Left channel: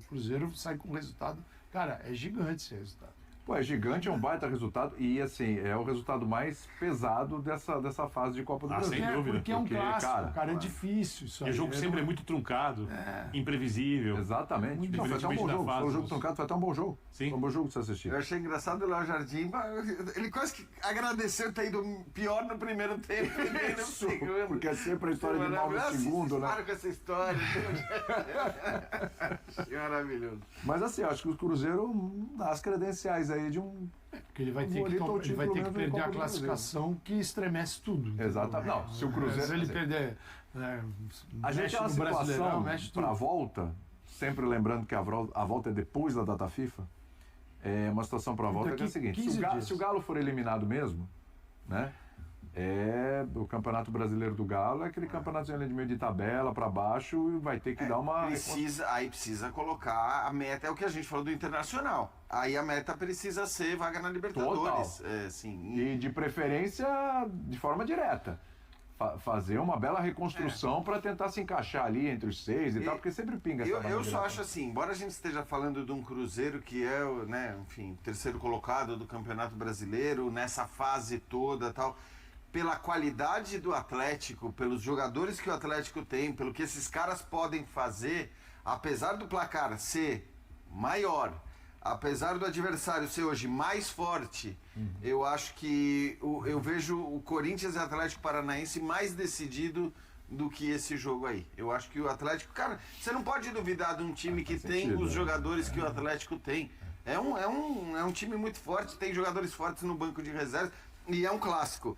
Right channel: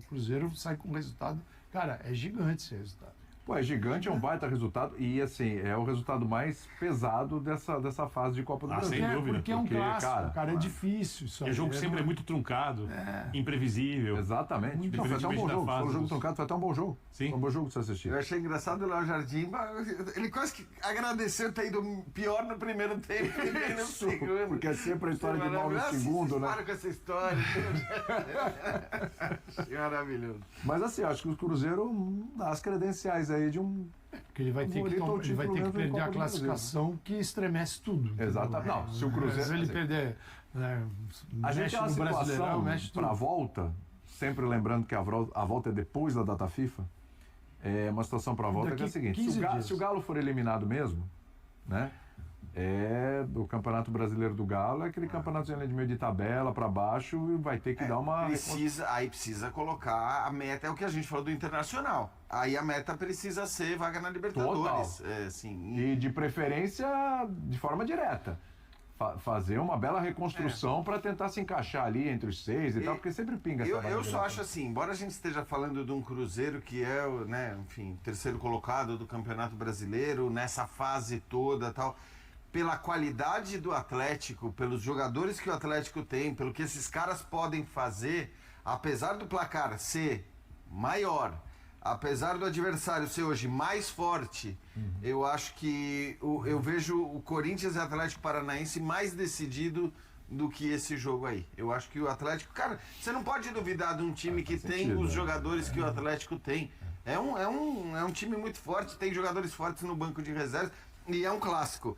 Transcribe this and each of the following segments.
O Cruzeiro sai com um resultado, cara, é gigante esse resultado. Pô, é gigante, é um baita resultado e, assim, é o resultado mais pesado dessa fase de Copa do Brasil. sem dúvida. Porque é um clássico, cara, é difícil isso aí. O jogo sempre é muito truncado, imprevisível. Exatamente. Não, foi até um bom jogo. Foi um jogo truncado, foi até um bom jogo. Sim. Foi um bom jogo de se assistir. Eu achei engraçado o Léo Jardim, ele quase que agradeceu ter ido pior no primeiro tempo e nem no segundo. Porque é sempre a história de mal no segundo, né? Para com essa história. Maravilhoso. Mas, assim, acho que o Cruzeiro dá as credenciais aí de um... Porque ele vai ter que perder a classificação que estremece tudo. Exatamente. Não, se o Cruzeiro... Se ele perder... A gente tem uma situação para a volta, sempre lembrando que a volta é depois da data FIFA, é uma situação para a volta que é a seguinte, se o Galo for eliminado mesmo, né, o Campeonato Brasileiro do Galo é aquele campeonato de meio de tabela para baixo e vai ter que dar uma... Precisa colocar a meta, é o que a gente falou do Internacional. Aí a meta precisa ser vaga na Libertadores. Sim. E de preferência de forma direta. Fazer uma bela reconstrução para tentar se encaixar ali entre os 6 e tal, porque sempre pinga essa Eu só acho assim, embora a gente esteja falando de um Cruzeiro que é, né, enfim, terceiro colocado do Campeonato Brasileiro, nessa fase toda tal, pela qualidade do Atlético, pelos jogadores que o Atlético tem, pelo que esses caras podem fazer, apesar do placar ser maior, apesar do adversário ser hoje mais forte, eu acho que eu vejo o Corinthians e o Atlético Paranaense mais decidido do que esse jogo aí. Eu acho que o Atlético... Cara, você não pode duvidar de um time que tem os jogadores que o Atlético tem. É um time muito forte, tem jogadores fortes no banco de reservas e é um clássico.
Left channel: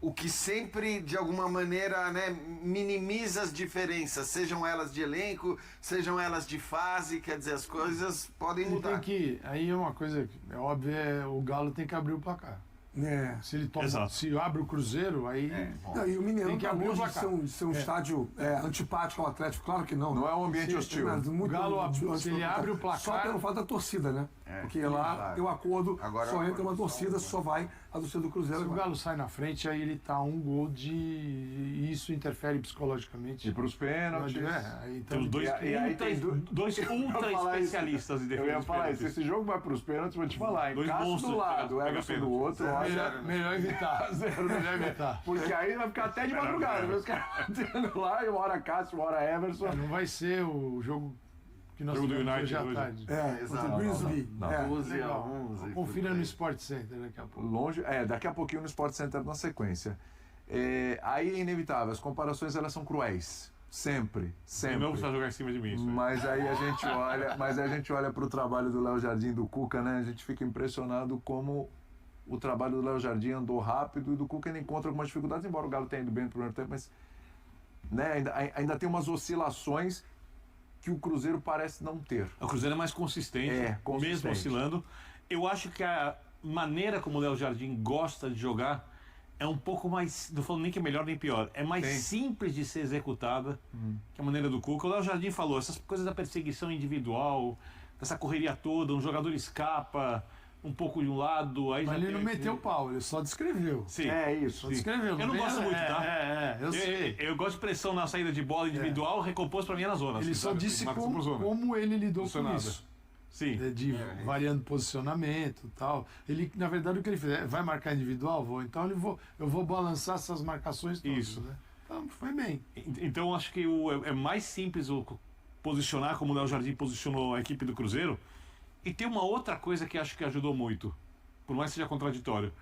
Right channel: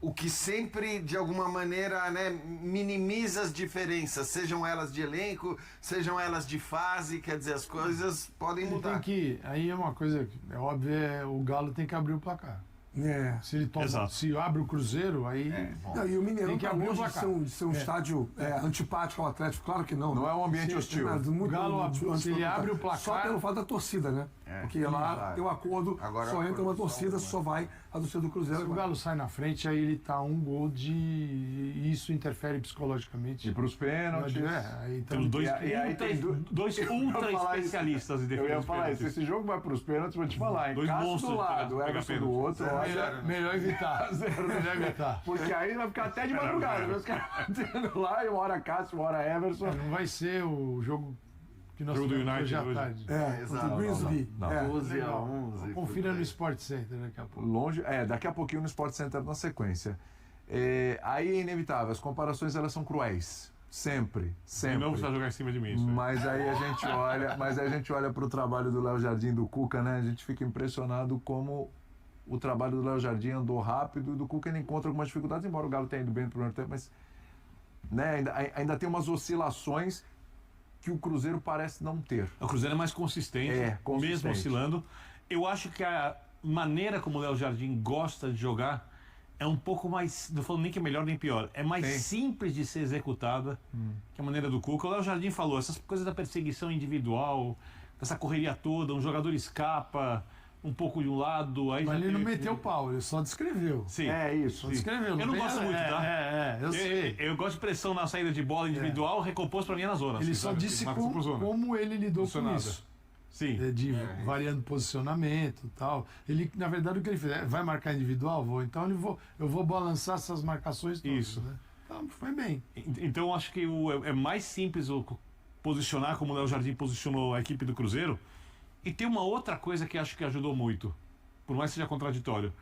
O que sempre, de alguma maneira, né, minimiza as diferenças, sejam elas de elenco, sejam elas de fase, quer dizer, as coisas podem mudar. Aí é uma coisa, é óbvio, o Galo tem que abrir o placar. Se ele se abre o Cruzeiro, aí... E o Mineirão tem que tá abrir o longe placar. de ser um estádio antipático ao Atlético, claro que não. Não é um ambiente hostil. O Galo, se ele abre o placar... Só pelo fato da torcida, né? Porque lá tem um acordo, Agora só entra uma torcida, só vai a torcida do Cruzeiro. Se o Galo sai na frente, aí ele tá um gol de... E isso interfere psicologicamente. E para os pênaltis... Aí Temos dois ultra especialistas em defesa. Eu ia falar isso, esse jogo vai para os pênaltis, vou te falar, Cássio do lado, Everson do outro... Melhor evitar. Melhor evitar. Porque aí vai ficar até de madrugada. Os caras batendo lá, e uma hora Cássio, uma hora Everson. Não vai ser o jogo que nós jogo do United hoje à hoje. tarde. Contra o Grizzly. 11-11. Confira no Sport Center daqui a pouco. Daqui a pouquinho no Sport Center na sequência. Aí é inevitável, as comparações elas são cruéis. Sempre. Eu não vou jogar em cima de mim. Mas aí a gente olha para o trabalho do Léo Jardim e do Cuca, né? A gente fica impressionado como o trabalho do Léo Jardim andou rápido e do Cuca ainda encontra algumas dificuldades, embora o Galo tenha ido bem no primeiro tempo, mas né, ainda tem umas oscilações que o Cruzeiro parece não ter. O Cruzeiro é mais consistente, mesmo oscilando. Eu acho que a maneira como o Léo Jardim gosta de jogar é um pouco mais, não falo nem que é melhor nem pior, é mais simples de ser executada que a maneira do Cuca. O Léo Jardim falou, essas coisas da perseguição individual, dessa correria toda, um jogador escapa um pouco de um lado, aí mas ele não meteu o pau, ele só descreveu. Sim. Isso. Só descreveu. Eu não gosto muito, tá? Eu sei. Eu gosto de pressão na saída de bola individual, recompôs pra mim na zona. Ele só disse como ele lidou com isso. Sim. Variando posicionamento e tal. Ele, na verdade, o que ele fez? Vai marcar individual? Vou. Então eu vou balançar essas marcações todas. Isso. Né? Então foi bem. Então acho que é mais simples posicionar como o Léo Jardim posicionou a equipe do Cruzeiro. E tem uma outra coisa que acho que ajudou muito, por mais que seja contraditório.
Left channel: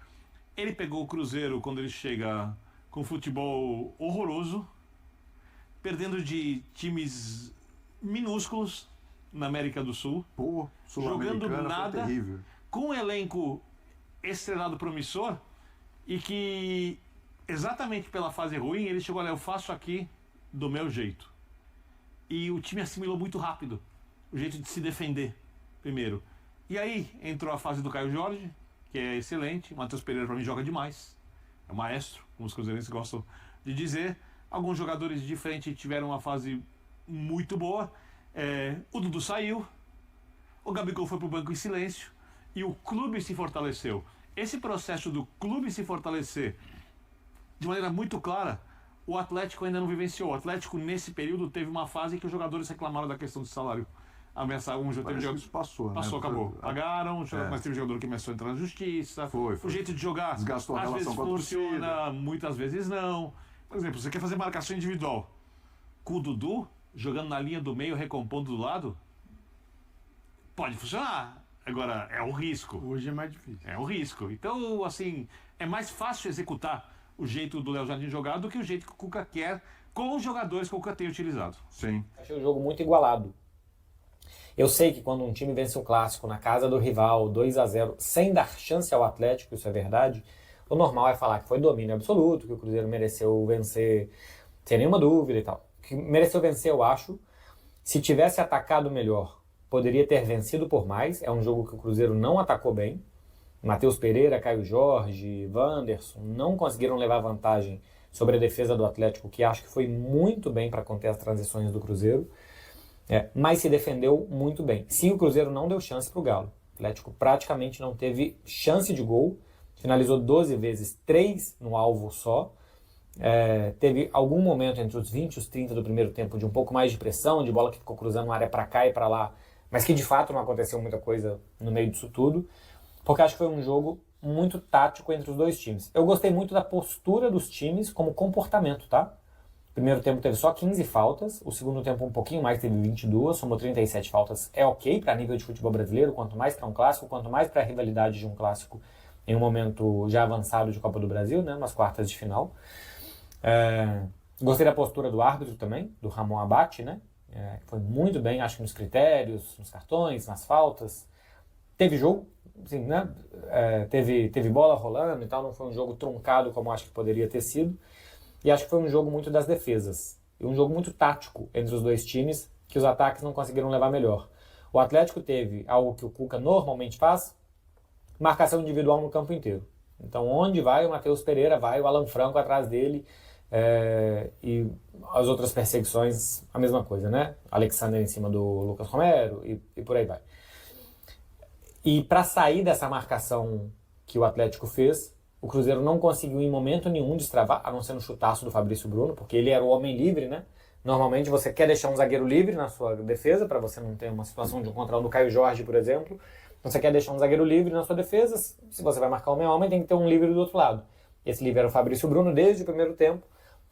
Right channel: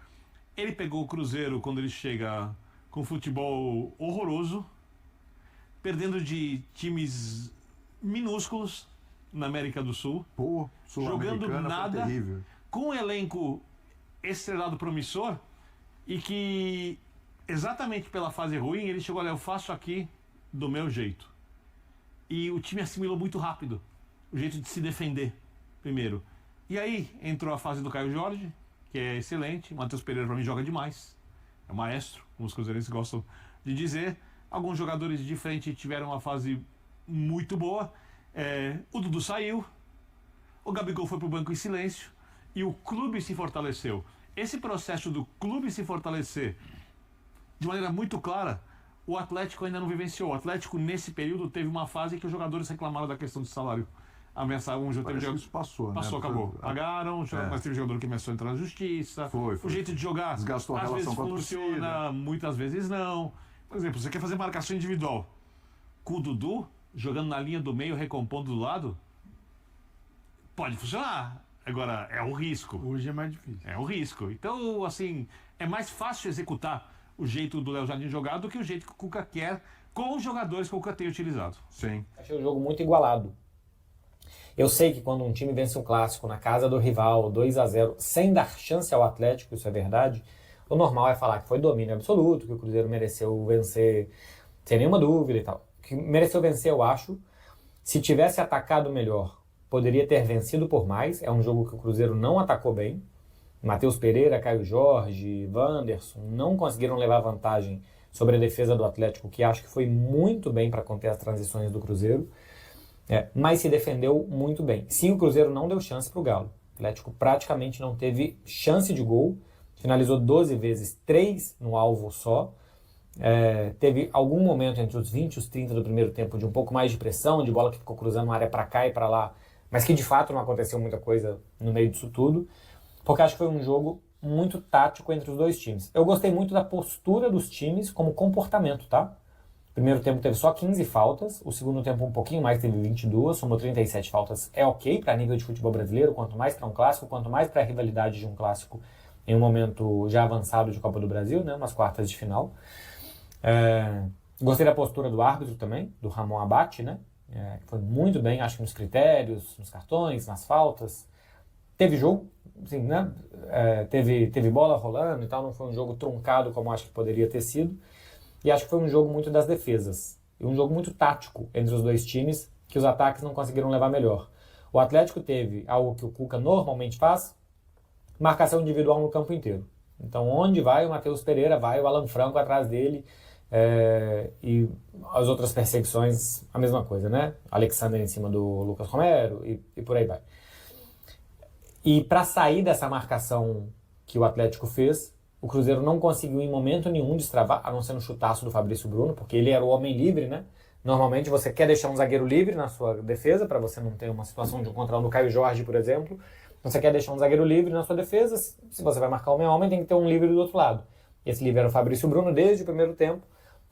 Ele pegou o Cruzeiro quando ele chega com futebol horroroso, perdendo de times minúsculos na América do Sul, jogando nada, com um elenco estrelado promissor, e que exatamente pela fase ruim ele chegou, olha, eu faço aqui do meu jeito. E o time assimilou muito rápido o jeito de se defender. Primeiro. E aí entrou a fase do Caio Jorge, que é excelente. Matheus Pereira, para mim, joga demais. É um maestro, como os cruzeirenses gostam de dizer. Alguns jogadores de frente tiveram uma fase muito boa. O Dudu saiu. O Gabigol foi para o banco em silêncio. E o clube se fortaleceu. Esse processo do clube se fortalecer de maneira muito clara, o Atlético ainda não vivenciou. O Atlético, nesse período, teve uma fase que os jogadores reclamaram da questão do salário ameaçar um jogo. Isso passou, Passou, né? Acabou. Pagaram, mas teve jogador que começou a entrar na justiça. Foi. O jeito de jogar, desgastou a às relação vezes com a funciona, torcida. muitas vezes não. Por exemplo, você quer fazer marcação individual com o Dudu, jogando na linha do meio, recompondo do lado, pode funcionar. Agora, é um risco. Hoje é mais difícil. É um risco. Então, assim, é mais fácil executar o jeito do Léo Jardim jogar do que o jeito que o Cuca quer com os jogadores que o Cuca tem utilizado. Sim. Achei o jogo muito igualado. Eu sei que quando um time vence um clássico na casa do rival, 2-0, sem dar chance ao Atlético, isso é verdade, o normal é falar que foi domínio absoluto, que o Cruzeiro mereceu vencer sem nenhuma dúvida e tal. Que mereceu vencer, eu acho. Se tivesse atacado melhor, poderia ter vencido por mais. É um jogo que o Cruzeiro não atacou bem. Matheus Pereira, Caio Jorge, Wanderson não conseguiram levar vantagem sobre a defesa do Atlético, que acho que foi muito bem para conter as transições do Cruzeiro, mas se defendeu muito bem. Sim, o Cruzeiro não deu chance para o Galo. O Atlético praticamente não teve chance de gol, finalizou 12 vezes, 3 no alvo só. Teve algum momento entre os 20 e os 30 do primeiro tempo de um pouco mais de pressão, de bola que ficou cruzando a área para cá e para lá, mas que de fato não aconteceu muita coisa no meio disso tudo, porque acho que foi um jogo muito tático entre os dois times. Eu gostei muito da postura dos times como comportamento, tá? O primeiro tempo teve só 15 faltas, o segundo tempo um pouquinho mais, teve 22, somou 37 faltas. É ok para nível de futebol brasileiro, quanto mais para um clássico, quanto mais para a rivalidade de um clássico em um momento já avançado de Copa do Brasil, né, nas quartas de final. Gostei da postura do árbitro também, do Ramon Abate, né? Foi muito bem, acho que nos critérios, nos cartões, nas faltas. Teve jogo, assim, né? Teve bola rolando e tal, não foi um jogo truncado como acho que poderia ter sido. E acho que foi um jogo muito das defesas. E um jogo muito tático entre os dois times, que os ataques não conseguiram levar melhor. O Atlético teve algo que o Cuca normalmente faz, marcação individual no campo inteiro. Então, onde vai o Matheus Pereira, vai o Alan Franco atrás dele, e as outras perseguições, a mesma coisa, né? Alexander em cima do Lucas Romero e por aí vai. E para sair dessa marcação que o Atlético fez, o Cruzeiro não conseguiu em momento nenhum destravar, a não ser no chutaço do Fabrício Bruno, porque ele era o homem livre, né? Normalmente você quer deixar um zagueiro livre na sua defesa, para você não ter uma situação de um contra um do Caio Jorge, por exemplo. Você quer deixar um zagueiro livre na sua defesa, se você vai marcar homem a homem, tem que ter um livre do outro lado. Esse livre era o Fabrício Bruno desde o primeiro tempo.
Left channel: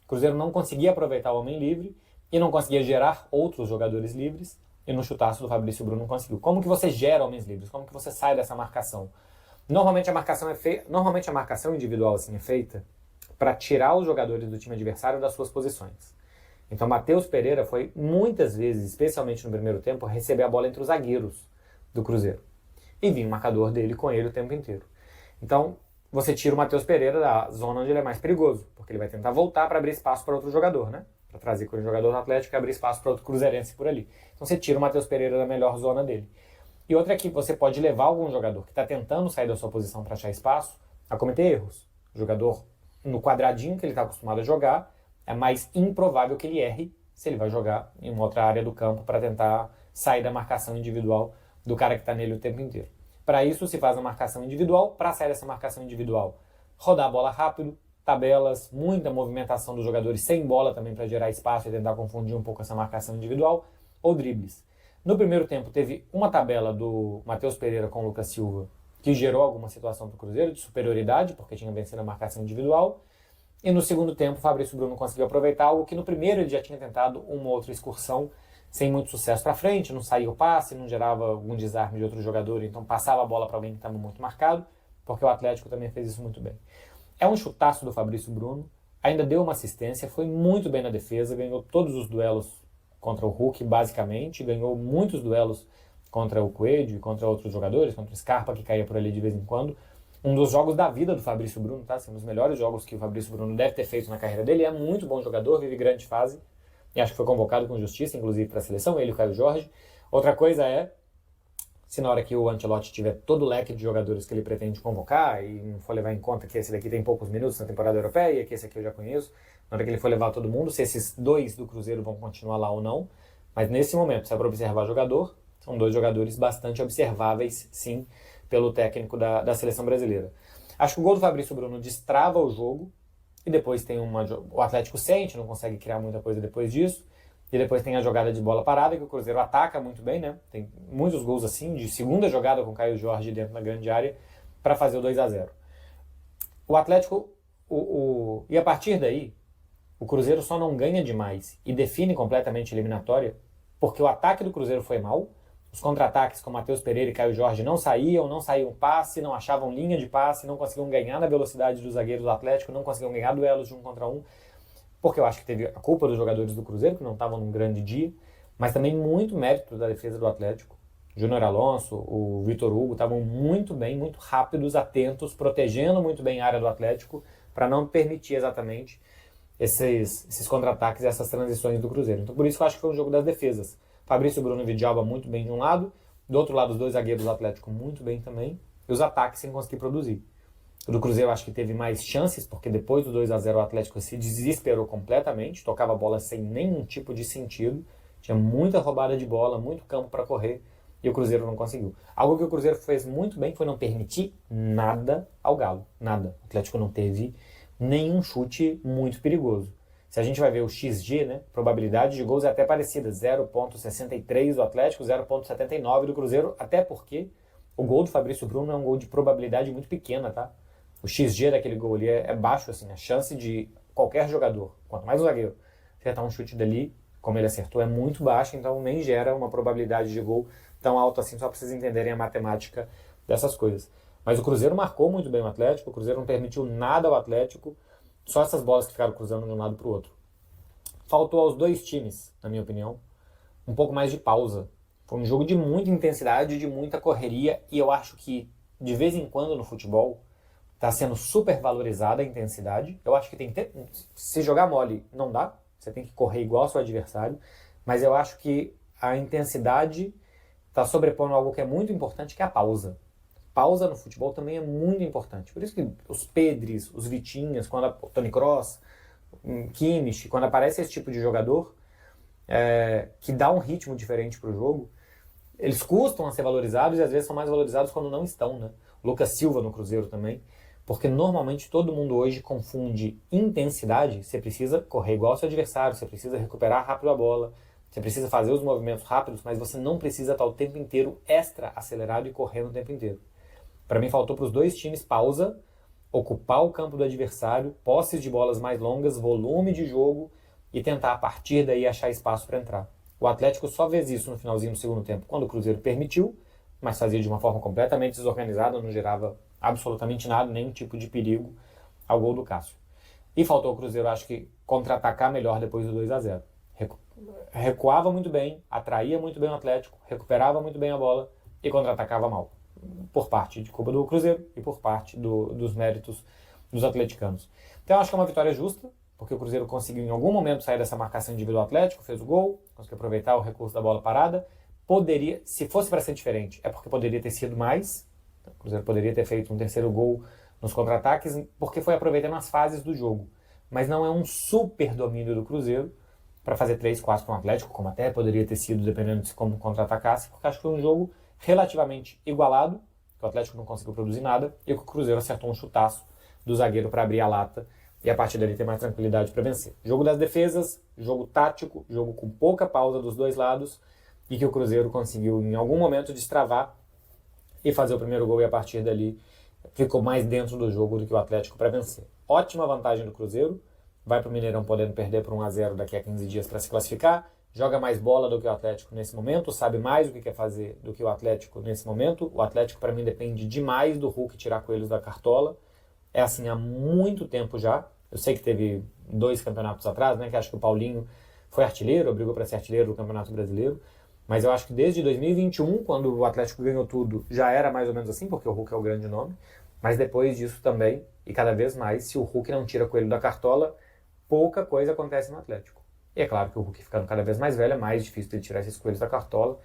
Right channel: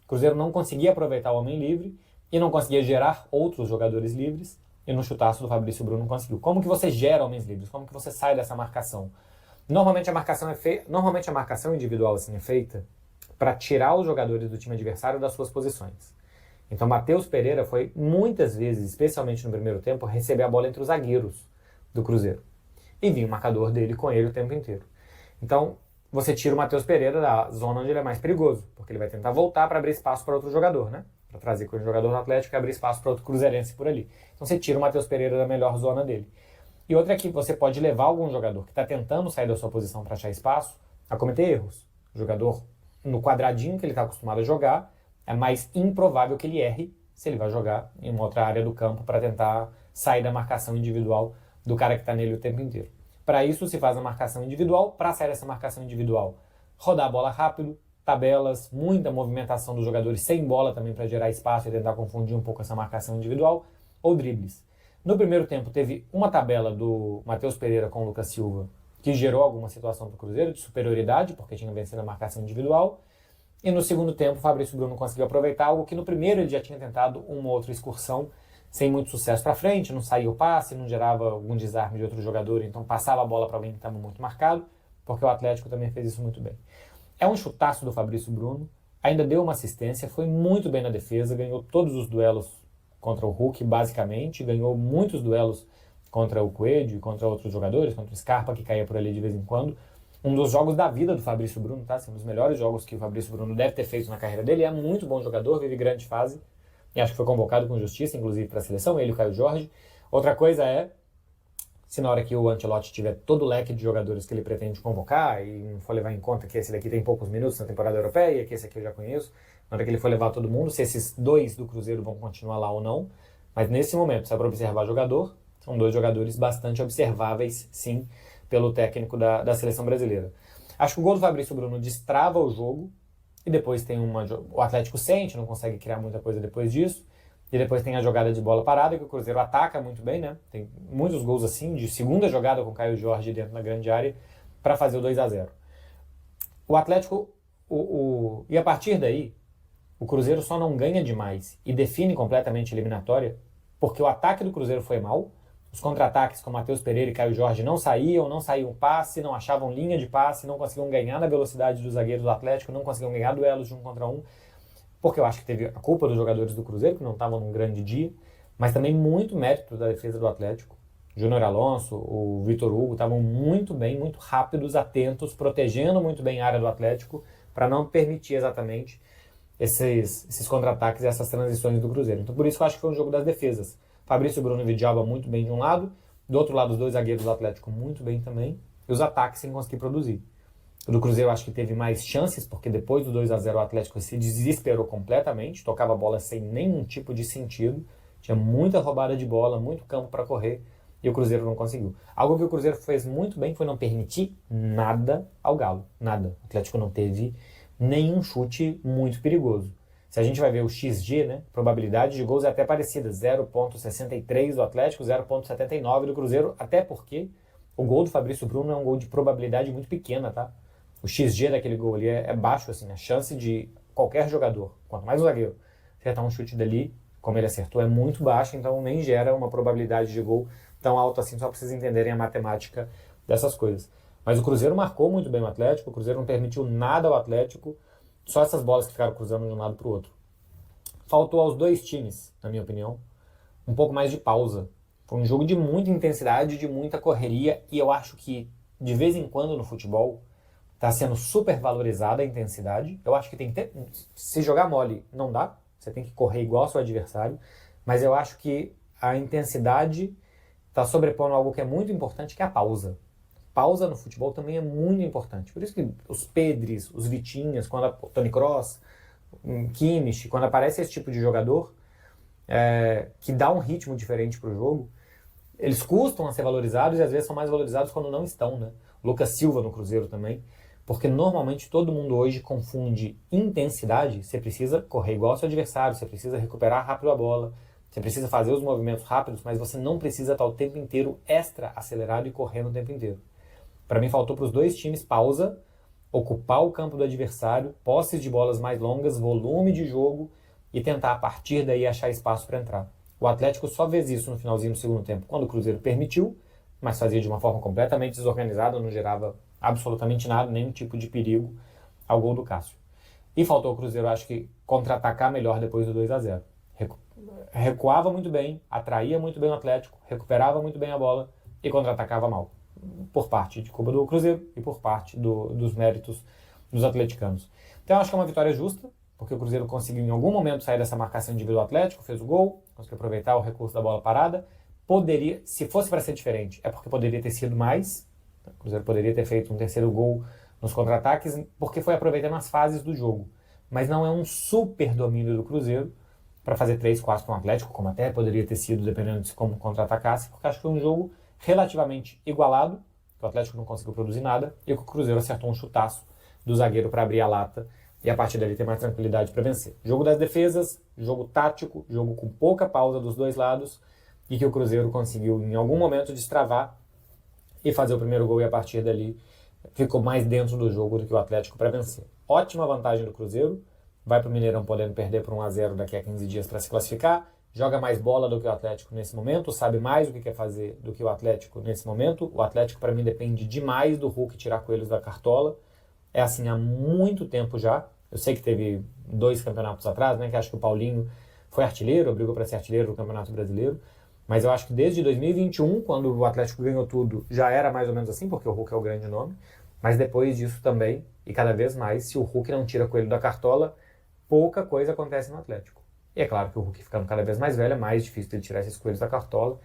O Cruzeiro não conseguia aproveitar o homem livre e não conseguia gerar outros jogadores livres, e no chutaço do Fabrício Bruno conseguiu. Como que você gera homens livres? Como que você sai dessa marcação? Normalmente a marcação individual assim, é feita para tirar os jogadores do time adversário das suas posições. Então Matheus Pereira foi muitas vezes, especialmente no primeiro tempo, receber a bola entre os zagueiros do Cruzeiro. E vinha o marcador dele com ele o tempo inteiro. Então você tira o Matheus Pereira da zona onde ele é mais perigoso, porque ele vai tentar voltar para abrir espaço para outro jogador, né? Para trazer com o jogador do Atlético e abrir espaço para outro cruzeirense por ali. Então você tira o Matheus Pereira da melhor zona dele. E outra é que você pode levar algum jogador que está tentando sair da sua posição para achar espaço a cometer erros. O jogador, no quadradinho que ele está acostumado a jogar, é mais improvável que ele erre se ele vai jogar em uma outra área do campo para tentar sair da marcação individual do cara que está nele o tempo inteiro. Para isso se faz a marcação individual. Para sair dessa marcação individual, rodar a bola rápido, tabelas, muita movimentação dos jogadores sem bola também para gerar espaço e tentar confundir um pouco essa marcação individual, ou dribles. No primeiro tempo teve uma tabela do Matheus Pereira com o Lucas Silva que gerou alguma situação para o Cruzeiro de superioridade, porque tinha vencido a marcação individual. E no segundo tempo o Fabrício Bruno conseguiu aproveitar algo que no primeiro ele já tinha tentado uma outra excursão sem muito sucesso para frente, não saía o passe, não gerava algum desarme de outro jogador, então passava a bola para alguém que estava muito marcado, porque o Atlético também fez isso muito bem. É um chutaço do Fabrício Bruno, ainda deu uma assistência, foi muito bem na defesa, ganhou todos os duelos contra o Hulk, basicamente, ganhou muitos duelos contra o Coelho e contra outros jogadores, contra o Scarpa, que caía por ali de vez em quando. Um dos jogos da vida do Fabrício Bruno, tá? Assim, um dos melhores jogos que o Fabrício Bruno deve ter feito na carreira dele. É muito bom jogador, vive grande fase, e acho que foi convocado com justiça, inclusive, para a seleção, ele e o Caio Jorge. Outra coisa é, se na hora que o Ancelotti tiver todo o leque de jogadores que ele pretende convocar, e não for levar em conta que esse daqui tem poucos minutos na temporada europeia, que esse aqui eu já conheço, na hora que ele for levar todo mundo, se esses dois do Cruzeiro vão continuar lá ou não. Mas nesse momento, se é para observar jogador, são dois jogadores bastante observáveis, sim, pelo técnico da seleção brasileira. Acho que o gol do Fabrício Bruno destrava o jogo, e depois tem o Atlético sente, não consegue criar muita coisa depois disso, E depois tem a jogada de bola parada, que o Cruzeiro ataca muito bem, né? Tem muitos gols assim, de segunda jogada com o Caio Jorge dentro da grande área, para fazer o 2-0. O Atlético, e a partir daí, o Cruzeiro só não ganha demais e define completamente a eliminatória, porque o ataque do Cruzeiro foi mal, os contra-ataques com Matheus Pereira e Caio Jorge não saíam passe, não achavam linha de passe, não conseguiam ganhar na velocidade dos zagueiros do Atlético, não conseguiam ganhar duelos de 1 contra 1, porque eu acho que teve a culpa dos jogadores do Cruzeiro, que não estavam num grande dia, mas também muito mérito da defesa do Atlético. Júnior Alonso, o Vitor Hugo estavam muito bem, muito rápidos, atentos, protegendo muito bem a área do Atlético, para não permitir exatamente esses contra-ataques e essas transições do Cruzeiro. Então por isso que eu acho que foi um jogo das defesas. Fabrício Bruno e Vidalba muito bem de um lado, do outro lado os dois zagueiros do Atlético muito bem também, e os ataques sem conseguir produzir. O do Cruzeiro acho que teve mais chances, porque depois do 2-0 o Atlético se desesperou completamente, tocava a bola sem nenhum tipo de sentido, tinha muita roubada de bola, muito campo para correr, e o Cruzeiro não conseguiu. Algo que o Cruzeiro fez muito bem foi não permitir nada ao Galo, nada. O Atlético não teve nenhum chute muito perigoso. Se a gente vai ver o XG, né, probabilidade de gols é até parecida, 0,63 do Atlético, 0,79 do Cruzeiro, até porque o gol do Fabrício Bruno é um gol de probabilidade muito pequena, tá? O XG daquele gol ali é baixo, assim, a chance de qualquer jogador, quanto mais o zagueiro, acertar um chute dali, como ele acertou, é muito baixa, então nem gera uma probabilidade de gol tão alta assim, só para vocês entenderem a matemática dessas coisas. Mas o Cruzeiro marcou muito bem o Atlético, o Cruzeiro não permitiu nada ao Atlético, só essas bolas que ficaram cruzando de um lado para o outro. Faltou aos dois times, na minha opinião, um pouco mais de pausa. Foi um jogo de muita intensidade, de muita correria, e eu acho que, de vez em quando no futebol, está sendo super valorizada a intensidade. Eu acho que tem que ter... Se jogar mole, não dá. Você tem que correr igual ao seu adversário. Mas eu acho que a intensidade está sobrepondo algo que é muito importante, que é a pausa. Pausa no futebol também é muito importante. Por isso que os Pedris, os Vitinhas, o Toni Kroos, o Kimmich, quando aparece esse tipo de jogador que dá um ritmo diferente para o jogo, eles custam a ser valorizados e às vezes são mais valorizados quando não estão, né? Lucas Silva no Cruzeiro também, porque normalmente todo mundo hoje confunde intensidade. Você precisa correr igual ao seu adversário, você precisa recuperar rápido a bola, você precisa fazer os movimentos rápidos, mas você não precisa estar o tempo inteiro extra acelerado e correndo o tempo inteiro. Para mim faltou para os dois times pausa, ocupar o campo do adversário, posses de bolas mais longas, volume de jogo e tentar a partir daí achar espaço para entrar. O Atlético só fez isso no finalzinho do segundo tempo, quando o Cruzeiro permitiu, mas fazia de uma forma completamente desorganizada, não gerava absolutamente nada, nenhum tipo de perigo ao gol do Cássio. E faltou o Cruzeiro, acho que, contra-atacar melhor depois do 2-0. Recuava muito bem, atraía muito bem o Atlético, recuperava muito bem a bola e contra-atacava mal. Por parte de culpa do Cruzeiro e por parte dos méritos dos atleticanos. Então eu acho que é uma vitória justa, porque o Cruzeiro conseguiu em algum momento sair dessa marcação individual do Atlético, fez o gol, conseguiu aproveitar o recurso da bola parada. Poderia, se fosse para ser diferente, é porque poderia ter sido mais. O Cruzeiro poderia ter feito um terceiro gol nos contra-ataques, porque foi aproveitando as fases do jogo. Mas não é um super domínio do Cruzeiro para fazer 3-4 com o Atlético, como até poderia ter sido, dependendo de como contra-atacasse, porque acho que foi um jogo relativamente igualado, que o Atlético não conseguiu produzir nada, e que o Cruzeiro acertou um chutaço do zagueiro para abrir a lata e a partir dali ter mais tranquilidade para vencer. Jogo das defesas, jogo tático, jogo com pouca pausa dos dois lados, e que o Cruzeiro conseguiu em algum momento destravar e fazer o primeiro gol, e a partir dali ficou mais dentro do jogo do que o Atlético para vencer. Ótima vantagem do Cruzeiro, vai para o Mineirão podendo perder por 1-0 daqui a 15 dias para se classificar, joga mais bola do que o Atlético nesse momento, sabe mais o que quer fazer do que o Atlético nesse momento. O Atlético, para mim, depende demais do Hulk tirar coelhos da cartola. É assim há muito tempo já. Eu sei que teve 2 campeonatos atrás, né, que acho que o Paulinho foi artilheiro, brigou para ser artilheiro do Campeonato Brasileiro. Mas eu acho que desde 2021, quando o Atlético ganhou tudo, já era mais ou menos assim, porque o Hulk é o grande nome. Mas depois disso também, e cada vez mais, se o Hulk não tira coelho da cartola, pouca coisa acontece no Atlético. E é claro que o Hulk ficando cada vez mais velho, é mais difícil de tirar esses coelhos da cartola.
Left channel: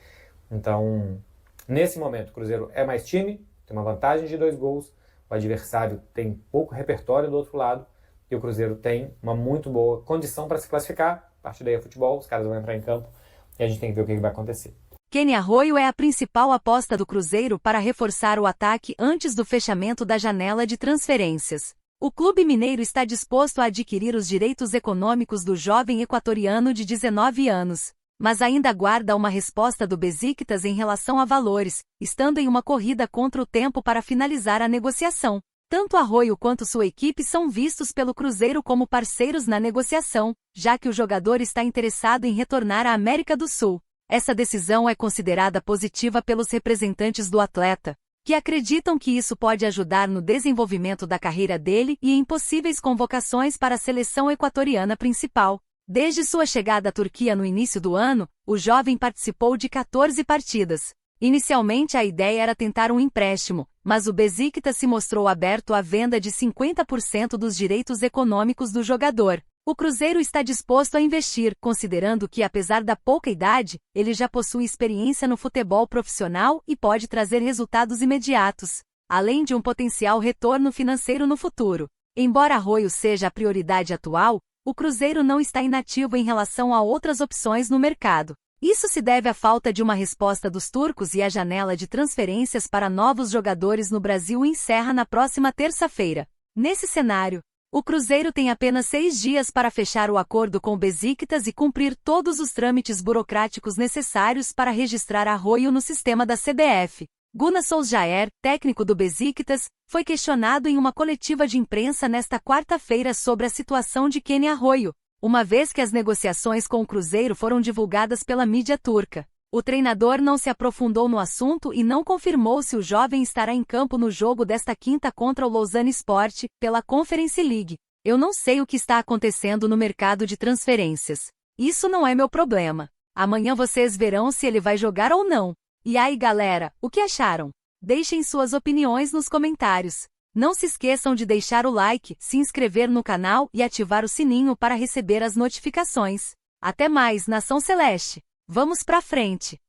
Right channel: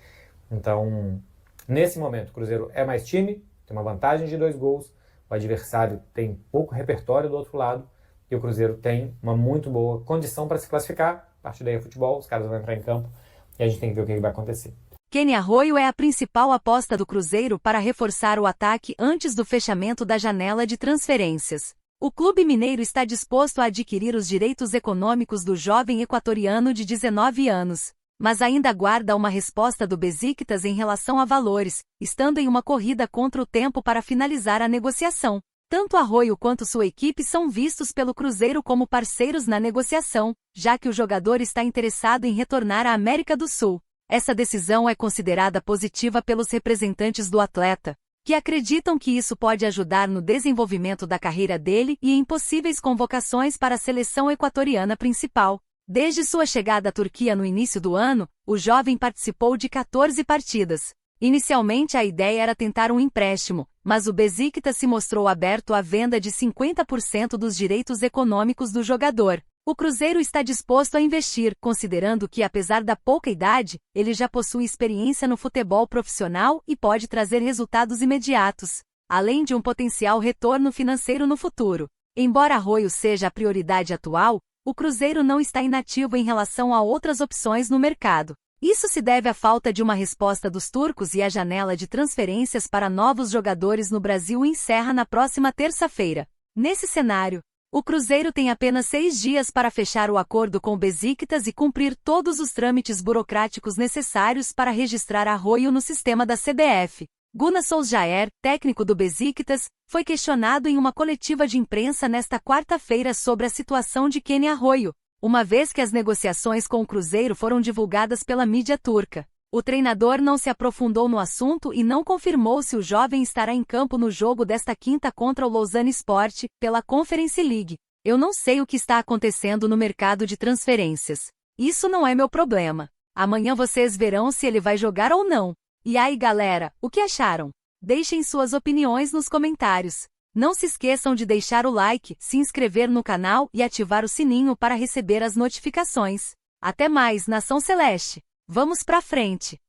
Então, nesse momento, o Cruzeiro é mais time, tem uma vantagem de 2 gols, o adversário tem pouco repertório do outro lado, e o Cruzeiro tem uma muito boa condição para se classificar. A partir daí é futebol, os caras vão entrar em campo, e a gente tem que ver o que vai acontecer. Kenny Arroio é a principal aposta do Cruzeiro para reforçar o ataque antes do fechamento da janela de transferências. O clube mineiro está disposto a adquirir os direitos econômicos do jovem equatoriano de 19 anos, mas ainda aguarda uma resposta do Besiktas em relação a valores, estando em uma corrida contra o tempo para finalizar a negociação. Tanto Arroyo quanto sua equipe são vistos pelo Cruzeiro como parceiros na negociação, já que o jogador está interessado em retornar à América do Sul. Essa decisão é considerada positiva pelos representantes do atleta, que acreditam que isso pode ajudar no desenvolvimento da carreira dele e em possíveis convocações para a seleção equatoriana principal. Desde sua chegada à Turquia no início do ano, o jovem participou de 14 partidas. Inicialmente a ideia era tentar um empréstimo, mas o Besiktas se mostrou aberto à venda de 50% dos direitos econômicos do jogador. O Cruzeiro está disposto a investir, considerando que, apesar da pouca idade, ele já possui experiência no futebol profissional e pode trazer resultados imediatos, além de um potencial retorno financeiro no futuro. Embora Arroyo seja a prioridade atual, o Cruzeiro não está inativo em relação a outras opções no mercado. Isso se deve à falta de uma resposta dos turcos e a janela de transferências para novos jogadores no Brasil encerra na próxima terça-feira. Nesse cenário, o Cruzeiro tem apenas 6 dias para fechar o acordo com o Besiktas e cumprir todos os trâmites burocráticos necessários para registrar Arroyo no sistema da CBF. Gunnar Solskjaer, técnico do Besiktas, foi questionado em uma coletiva de imprensa nesta quarta-feira sobre a situação de Kenny Arroyo, uma vez que as negociações com o Cruzeiro foram divulgadas pela mídia turca. O treinador não se aprofundou no assunto e não confirmou se o jovem estará em campo no jogo desta quinta contra o Lausanne Sport, pela Conference League. Eu não sei o que está acontecendo no mercado de transferências. Isso não é meu problema. Amanhã vocês verão se ele vai jogar ou não. E aí, galera, o que acharam? Deixem suas opiniões nos comentários. Não se esqueçam de deixar o like, se inscrever no canal e ativar o sininho para receber as notificações. Até mais, Nação Celeste! Vamos pra frente!